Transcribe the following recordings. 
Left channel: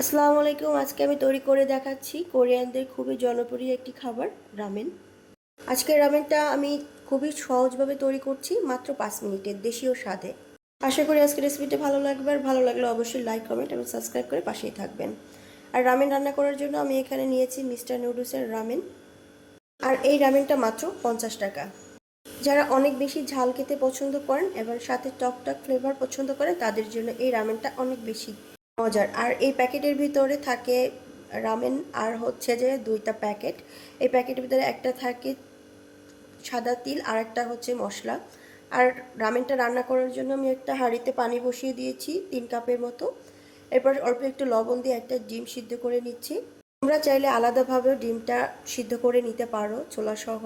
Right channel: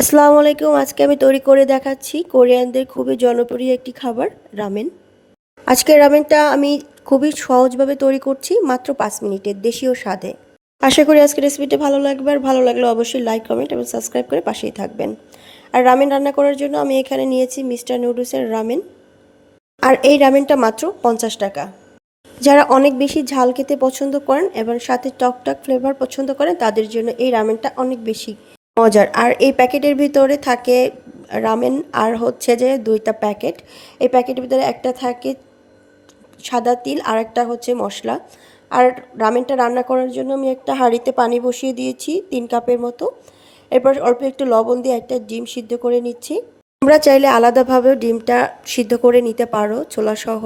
আসসালামু আলাইকুম। আজকে আমি তৈরি করে দেখাচ্ছি কোরিয়ানদের খুবই জনপ্রিয় একটি খাবার, রামেন। আজকের রামেনটা আমি খুবই সহজভাবে তৈরি করছি, মাত্র 5 মিনিটের, দেশীয় স্বাদে। আশা করি আজকের রেসিপিটা ভালো লাগবে, আর ভালো লাগলে অবশ্যই লাইক, কমেন্ট এবং সাবস্ক্রাইব করে পাশেই থাকবেন। আর রামেন রান্না করার জন্য আমি এখানে নিয়েছি মিস্টার নুডলসের রামেন, আর এই রামেনটা মাত্র 50 টাকা। যারা অনেক বেশি ঝাল খেতে পছন্দ করেন এবং সাথে টক টক ফ্লেভার পছন্দ করেন, তাদের জন্য এই রামেনটা অনেক বেশি মজার। আর এই প্যাকেটের ভিতরে থাকে রামেন, আর হচ্ছে যে 2টা প্যাকেট। এই প্যাকেটের ভিতরে একটা থাকে সাদা তিল, আর একটা হচ্ছে মশলা। আর রামেনটা রান্না করার জন্য আমি একটা হাঁড়িতে পানি বসিয়ে দিয়েছি 3 কাপের মতো। এরপর অল্প একটু লবণ দিয়ে একটা ডিম সিদ্ধ করে নিচ্ছি। তোমরা চাইলে আলাদাভাবেও ডিমটা সিদ্ধ করে নিতে পারো ছোলাসহ।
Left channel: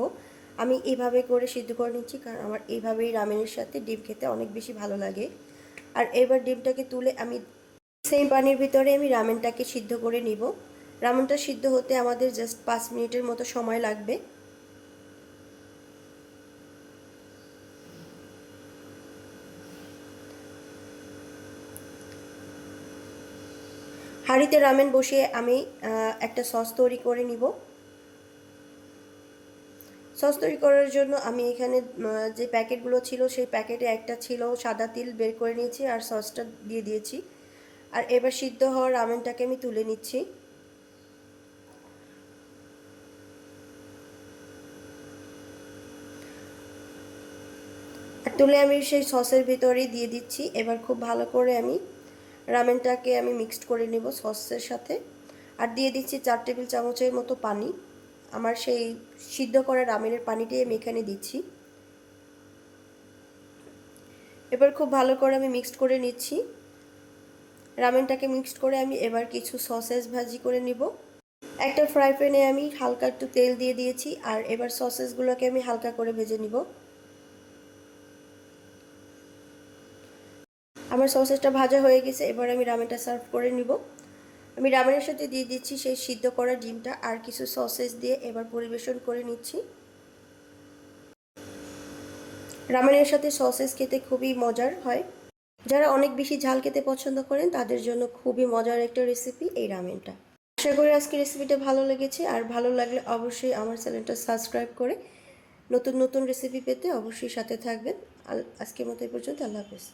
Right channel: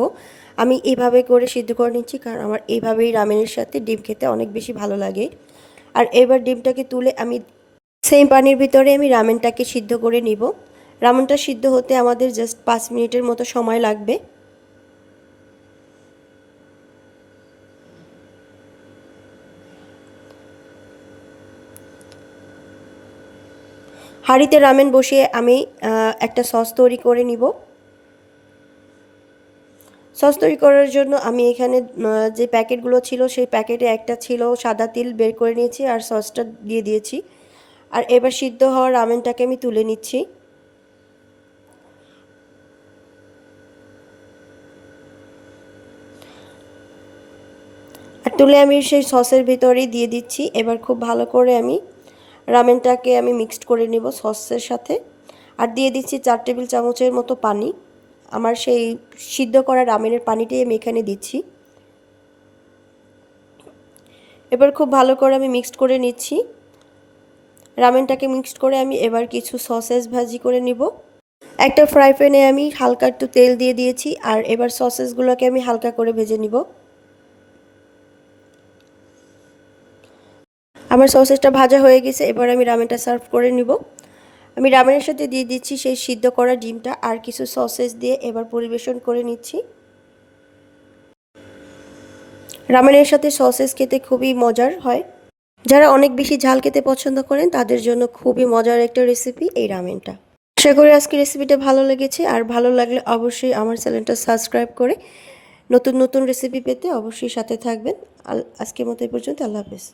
আমি এইভাবে করে সিদ্ধ করে নিচ্ছি, কারণ আমার এইভাবেই রামেনের সাথে ডিম খেতে অনেক বেশি ভালো লাগে। আর এবার ডিমটাকে তুলে আমি সেম পানির ভিতরে আমি রামেনটাকে সিদ্ধ করে নিব। রামেনটা সিদ্ধ হতে আমাদের জাস্ট 5 মিনিটের মতো সময় লাগবে। হাঁড়িতে রামেন বসিয়ে আমি একটা সস তৈরি করে নিব। সস তৈরি করার জন্য আমি এখানে যে প্যাকেটগুলো ছিল, সেই প্যাকেটে একটা ছিল সাদা তিল, বের করে নিয়েছি আর সসটা দিয়ে দিয়েছি। আর এবার সিদ্ধ হওয়া রামেনটাকে আমি তুলে নিচ্ছি। আর তুলে আমি সেই সসের ভিতরেই দিয়ে দিচ্ছি। এবার খুব ভালো করে আমি রামেনটাকে আমি মিক্সড করে নেব সসের সাথে। আর দিয়ে দিচ্ছি 4 টেবিল চামচের মতো পানি। আমার সেই সিদ্ধ করা রামেনের পানিটাই আমি এখানে দিচ্ছি। এবার খুব ভালো করে আমি মিক্সড করে নিচ্ছি। রামেনটাকে মিক্সড করে আমি এবার কিছু সসেস ভাজি করে নিব। একটা ফ্রাই প্যানে আমি হালকা একটু তেল দিয়ে দিয়েছি, আর এবার সসেসগুলোকে আমি হালকা করে ভেজে নিব। আমার সসেসটা ভাজা হয়ে গেছে, এবার আমি রামেনটা সার্ভ করে নিব। আমি রামেনের সাথে দিয়ে দিচ্ছি সেই সিদ্ধ করা ডিমটা, আর কিছু সসেস দিয়ে এবার পরিবেশন করে নিচ্ছি। রামেনের সাথে সসেস খেতে খুবই মজার হয়। যারা অনেক বেশি ঝাল খেতে পছন্দ করেন, তাদের জন্য খুবই মজার একটা রেসিপি এই রামেনটা। আশা করি আজকে রেসিপিটা ভালো লেগেছে, আর ভালো লাগলে অবশ্যই আমার চ্যানেলটা সাবস্ক্রাইব করে নতুন নতুন রেসিপি পেতে অবশ্যই সাথে থাকবেন। আজকের মতো এই পর্যন্ত। আল্লাহ হাফেজ।